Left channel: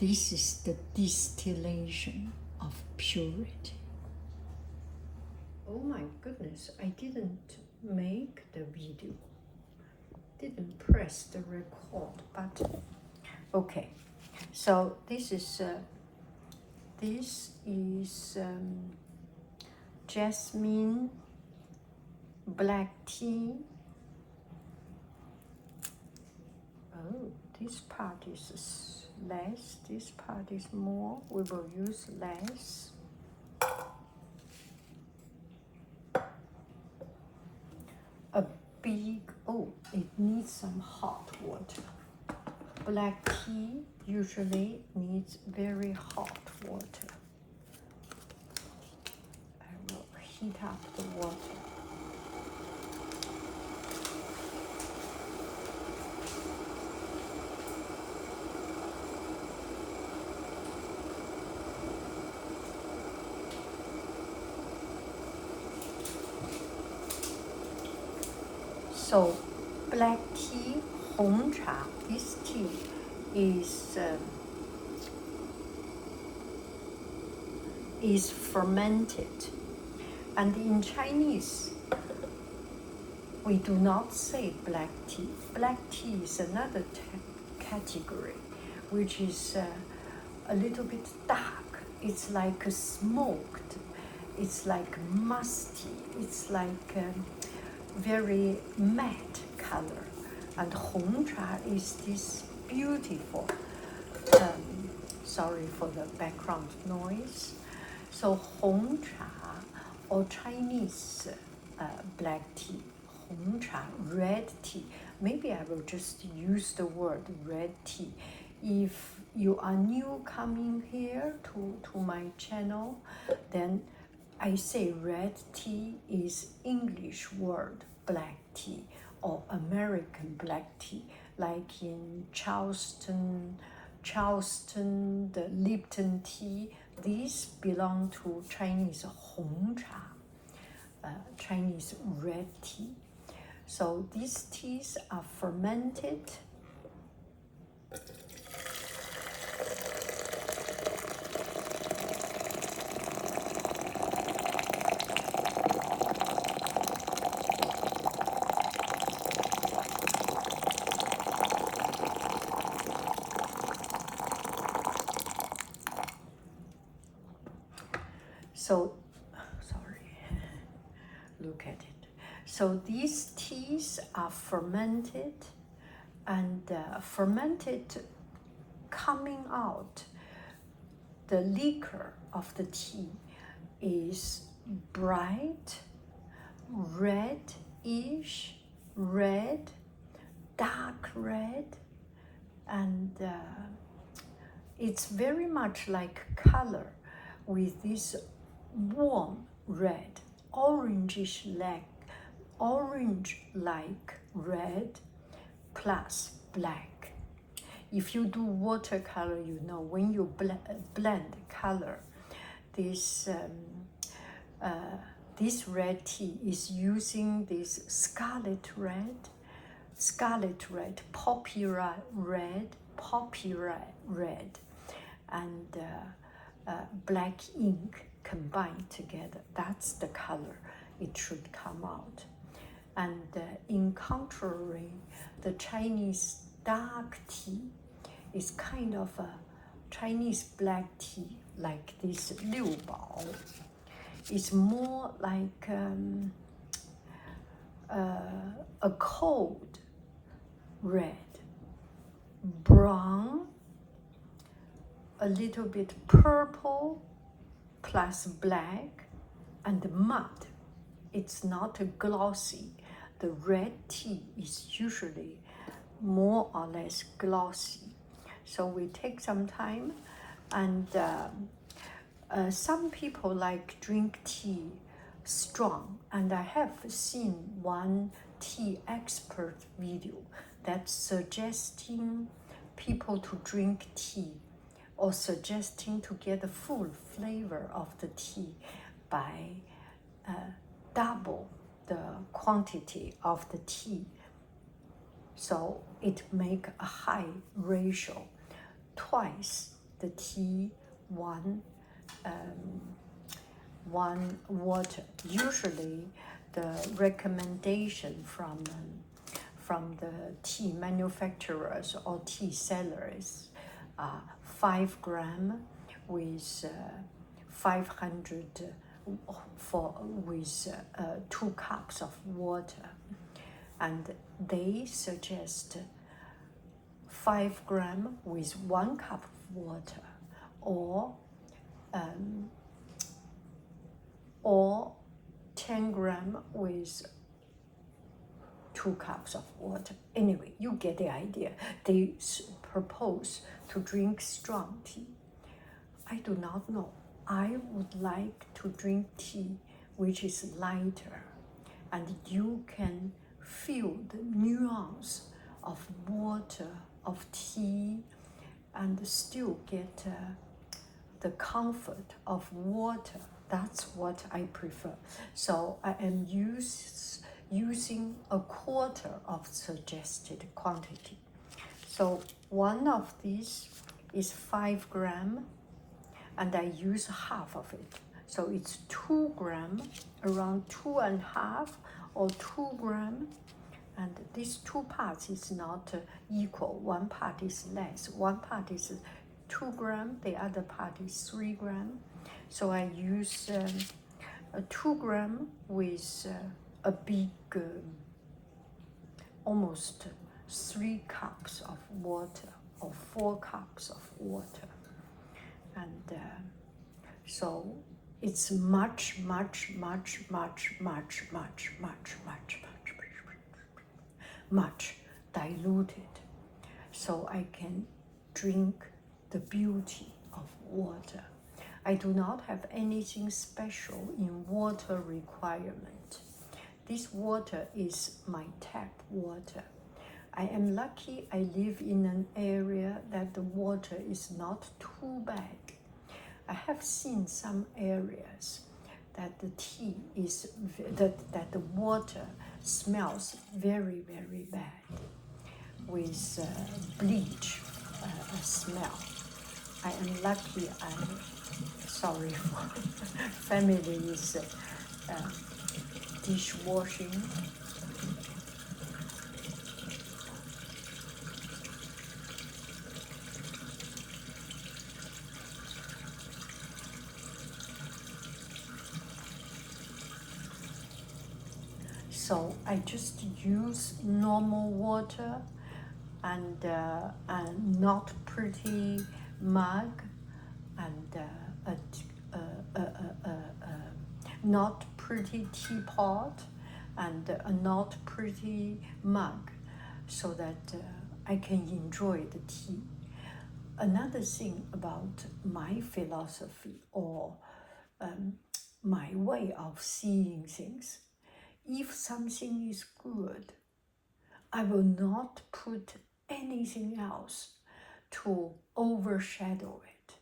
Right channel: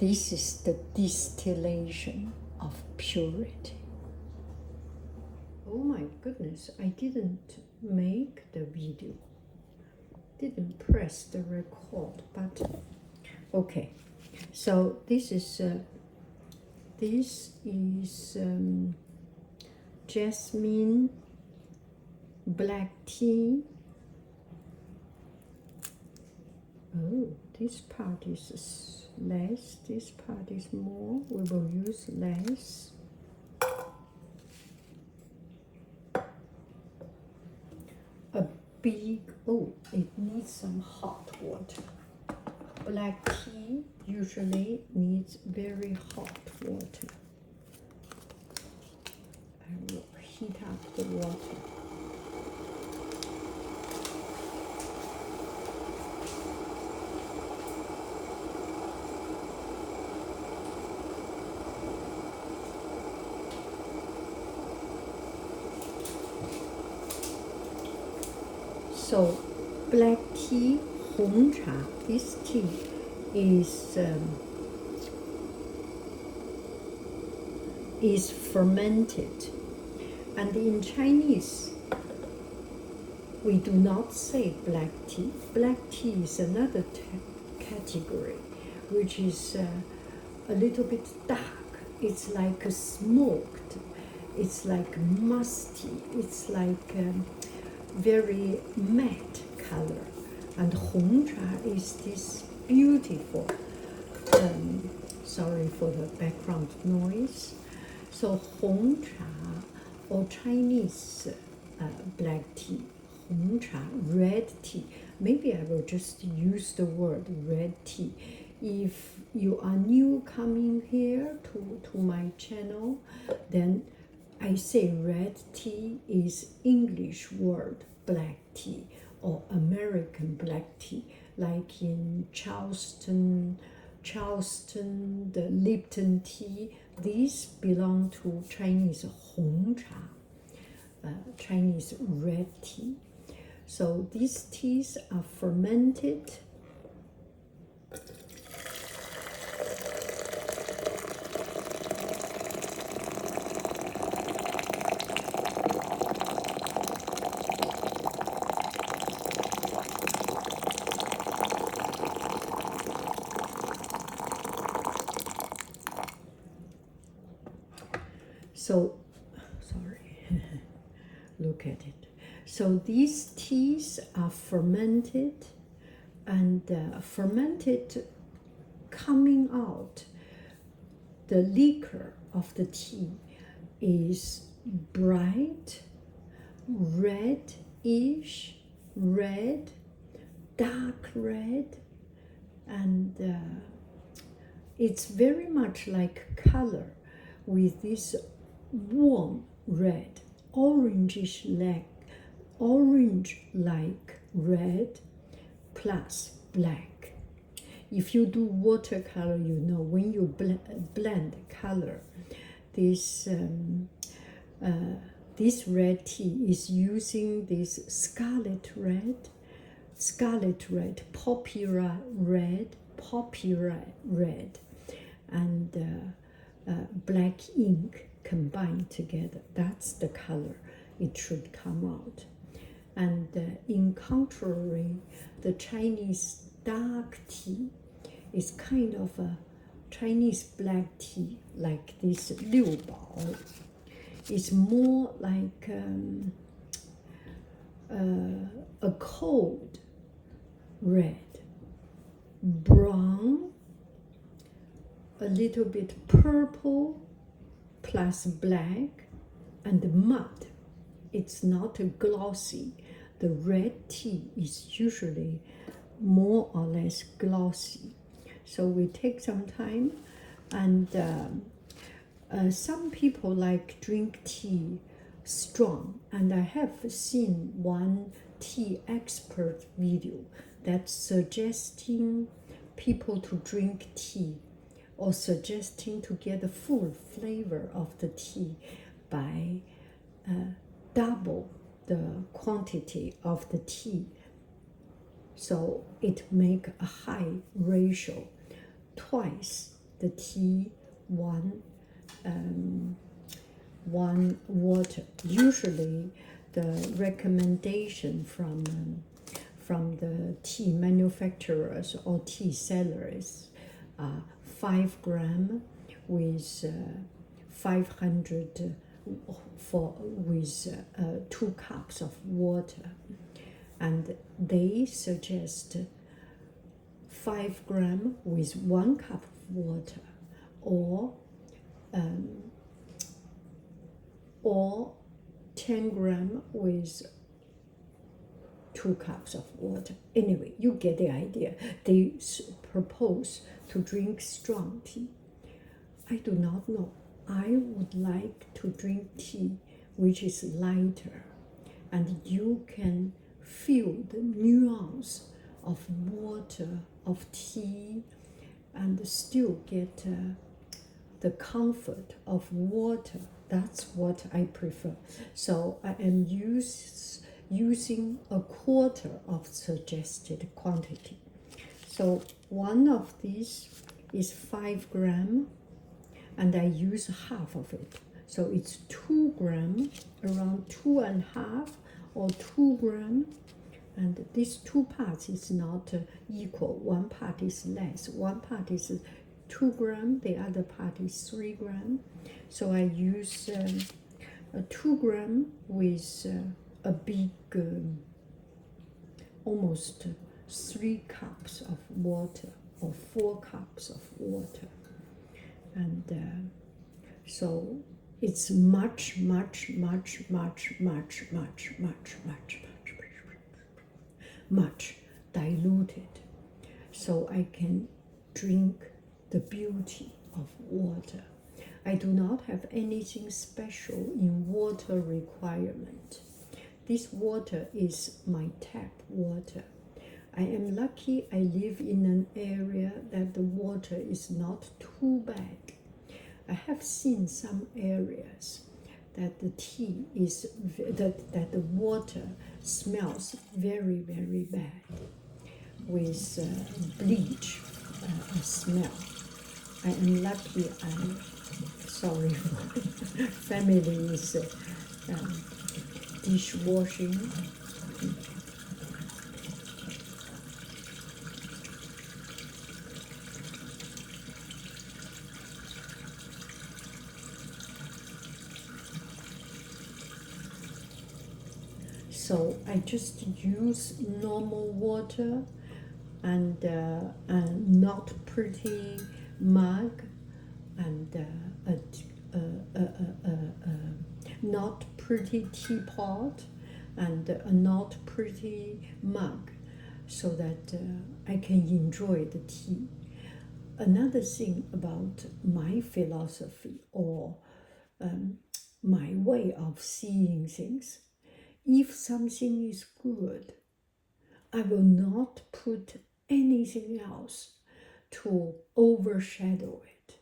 This is the distillation of purity. Oh my goodness, I didn't make the video, didn't press the record button. Okay, so this is jasmine, black tea. Oh, this part is less, this part is more. We will use less. A big, oh, it needs some hot water. Black tea usually needs very hot water. I will heat up the water. So, black tea, Hong Cha, this tea is fermented. And in Chinese, we do not say black tea. Black tea is another category, which is a little bit dark. It's like smoked. It's like musty. It's like very matte color. And Hong Cha is this beautiful, sorry for the background noise. So Hong Cha, or Chinese black tea, Hong Cha, red tea. Maybe I will just use the word red tea. If you are new coming here to my channel, then I say red tea is English word black tea or American black tea, like in Charleston, the Lipton tea. These belong to Chinese Hong Cha, Chinese red tea. So these teas are fermented. So, sorry, look at it. So these teas are fermented, and fermented coming out, the liquor of the tea is bright, reddish, red, dark red, and it's very much like color with this warm red, orange-like red plus black. If you do watercolor, you know when you blend color, this red tea is using this scarlet red, poppy red, and black ink combined together. That's the color it should come out. And in contrary, the Chinese dark tea is kind of a Chinese black tea, like this Liu Bao. It's more like a cold red, brown, a little bit purple, plus black, and mud. It's not glossy. The red tea is usually more or less glossy. So we take some time, and some people like drink tea strong, and I have seen one tea expert video that's suggesting people to drink tea, or suggesting to get the full flavor of the tea by double the quantity of the tea. So it make a high ratio, twice the tea, one water. Usually, the recommendation from the tea manufacturers or tea sellers are 5 grams with 500 with 2 cups of water, and they suggest 5 grams with 1 cup of water, or 10 grams with 2 cups of water. Anyway, you get the idea. They propose to drink strong tea. I do not know. I would like to drink tea which is lighter, and you can feel the nuance of water, of tea, and still get the comfort of water. That's what I prefer. So I am using a quarter of suggested quantity. So one of these is 5 grams, and I use half of it. So it's 2 grams, around 2.5 or 2 grams. And these 2 parts is not equal. 1 part is less. 1 part is 2 grams, the other part is 3 grams. So I use 2 grams with a big, almost 3 cups of water or 4 cups of water. And so it's much diluted, so I can drink the beauty of water. I do not have anything special in water requirement. This water is my tap water. I am lucky I live in an area that the water is not too bad. I have seen some areas that the tea is, that the water smells very bad with bleach smell. I am lucky. I'm sorry for families dishwashing. So I just use normal water and not pretty mug, and not pretty teapot, and a not pretty mug, so that I can enjoy the tea. Another thing about my philosophy or my way of seeing things, if something is good, I will not put anything else to overshadow it.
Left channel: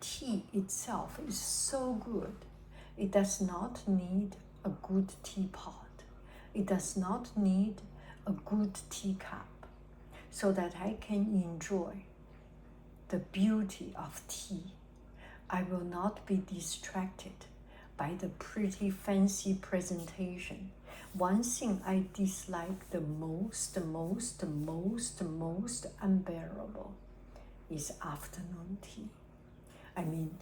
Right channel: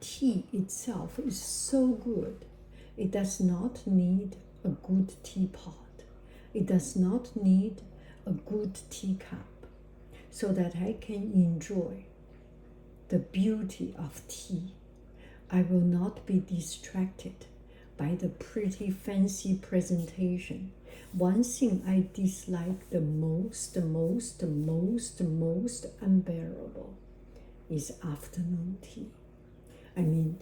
Tea itself is so good. It does not need a good teapot. It does not need a good teacup, so that I can enjoy the beauty of tea. I will not be distracted by the pretty fancy presentation. One thing I dislike the most unbearable is afternoon tea. I mean,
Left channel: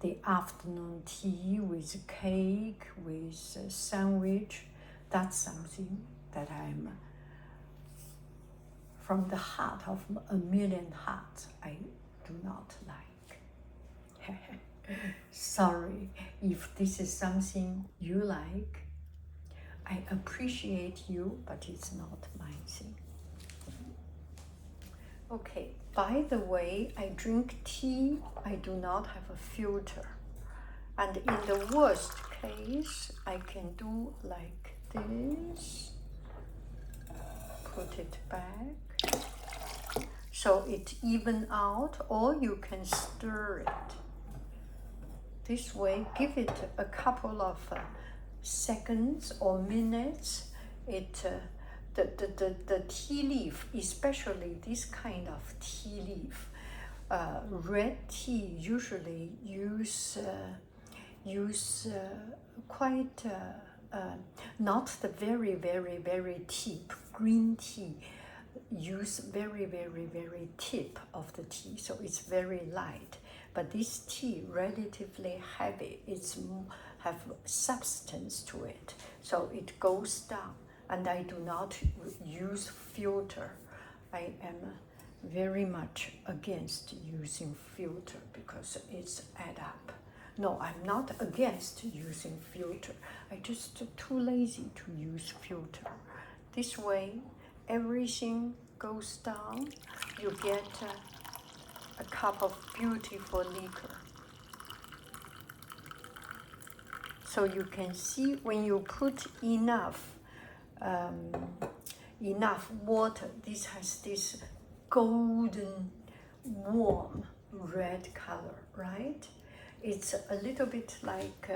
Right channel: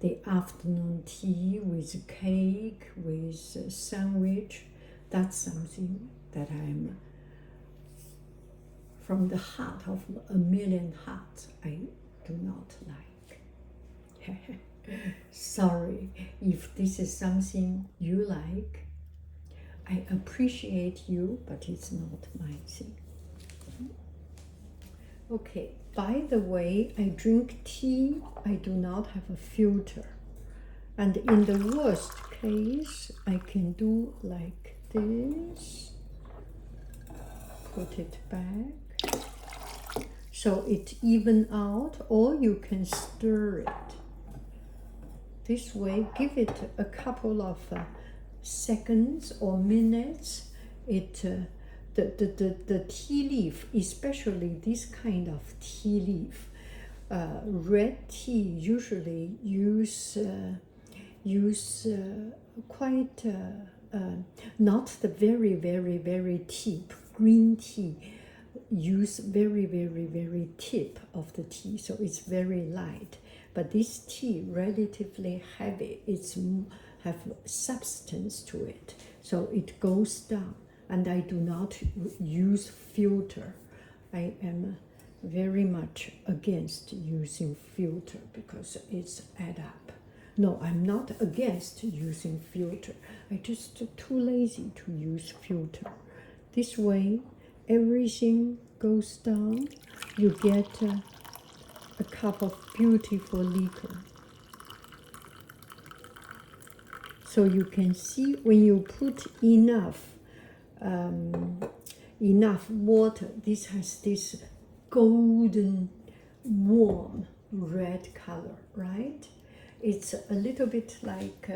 the afternoon tea with cake, with sandwich, that's something that I'm, from the heart of a million hearts, I do not like. Sorry if this is something you like. I appreciate you, but it's not my thing. Okay, by the way, I drink tea. I do not have a filter. And in the worst case, I can do like this. Put it back. So it even out, or you can stir it. This way, give it a couple of seconds or minutes. The tea leaf, especially this kind of tea leaf, red tea usually use quite not the very tip. Green tea use very tip of the tea, so it's very light. But this tea relatively heavy. It's have substance to it, so it goes down. And I do not use filter. I am very much against using filter because it's add up. No, I'm not against using filter. I just too lazy to use filter. This way, everything goes down. You get a cup of beautiful liquor. So you can see when you put enough water, this has this golden, warm red color, right? It's a little bit like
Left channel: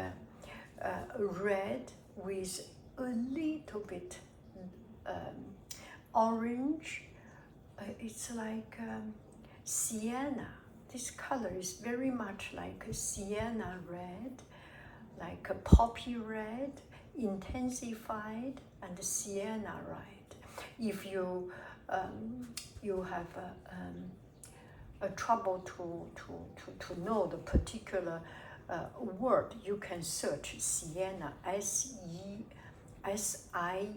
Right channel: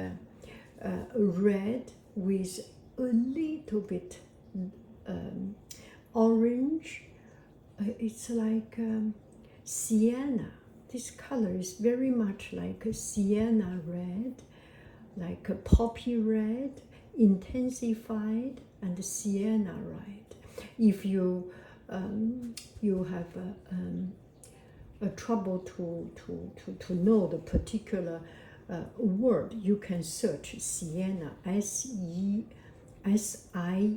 red with a little bit orange. It's like sienna. This color is very much like a sienna red, like a poppy red, intensified, and sienna red. If you you have a trouble to know the particular word, you can search sienna, S-I-E-N-A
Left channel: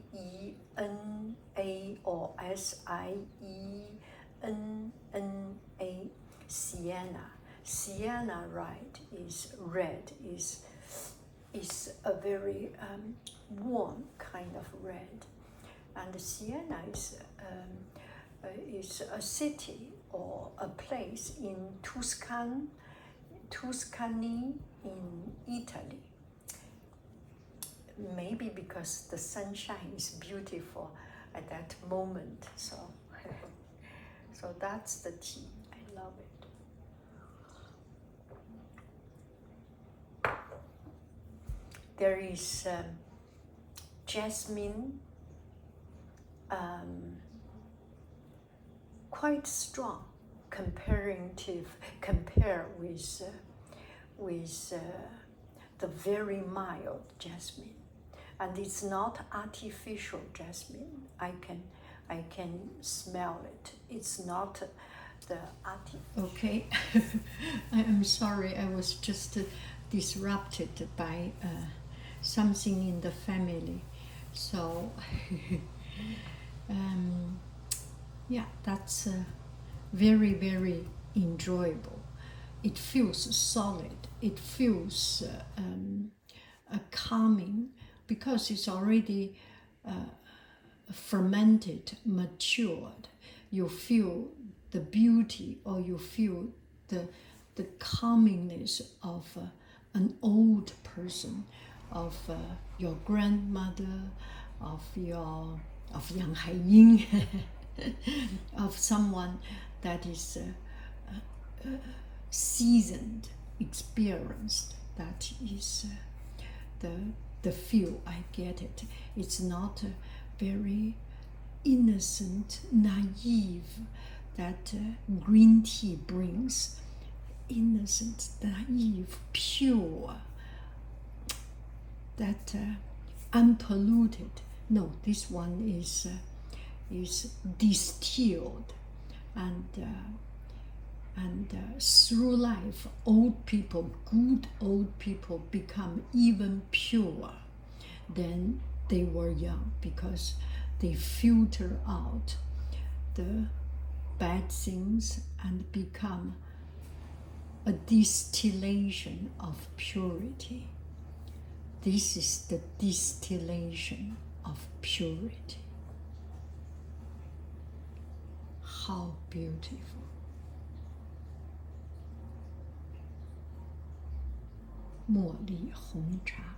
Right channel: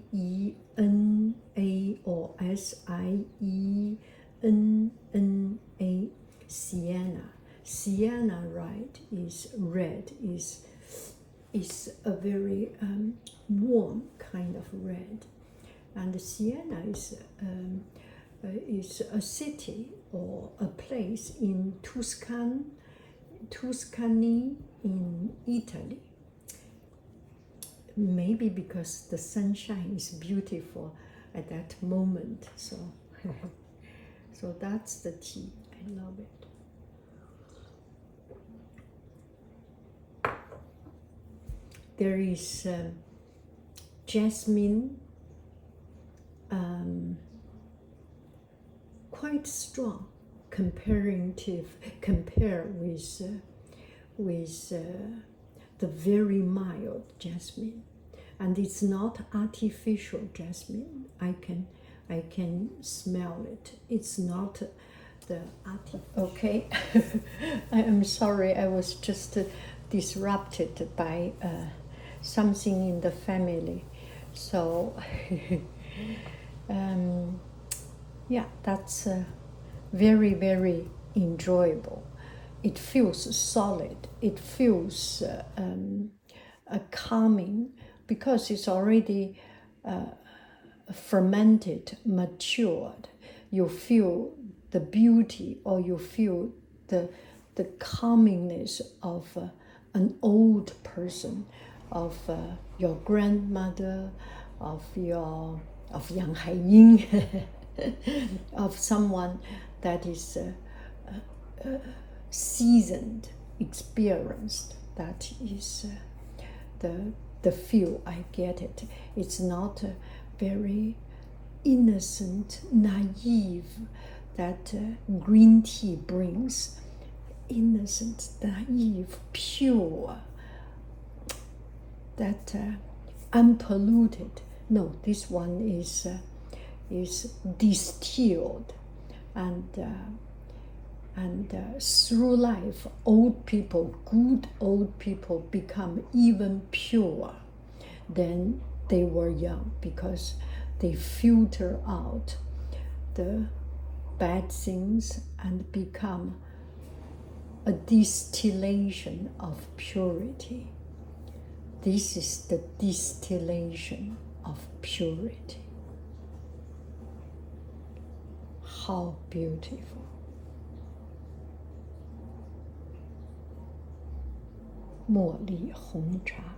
or S-I-E-N-N-A, sienna. Sienna red is a very warm kind of red, and Siena is a city or a place in Tuscany in Italy. Maybe because the sunshine is beautiful at that moment, so so that's the tea. I love it. There is jasmine, quite strong compare with the very mild jasmine, and it's not artificial jasmine. I can smell it. It's not the Okay, I am sorry. I was just disrupted by something in the family, so yeah, that's very enjoyable. It feels solid. It feels calming because it's already fermented, matured. You feel the beauty, or you feel the calmingness of an old person, of your grandmother, of yanghaiying, of someone that is seasoned, experienced. That is the feel I get it. It's not very innocent, naive that green tea brings. Innocent, naive, pure, that unpolluted. No, this one is distilled, and through life, old people, good old people, become even purer than they were young because they filter out the bad things and become a distillation of purity. This is the distillation of purity. How beautiful. Li Hong Cha,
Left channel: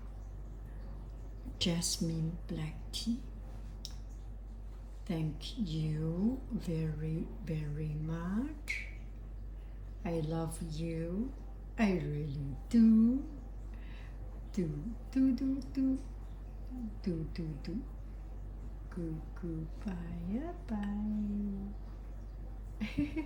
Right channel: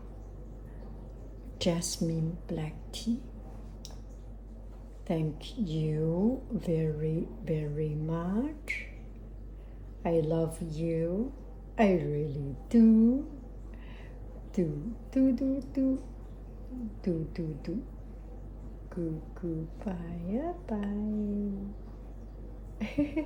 Jasmine black tea. Thank you very much. I love you. I really do. Do. Goodbye. Bye.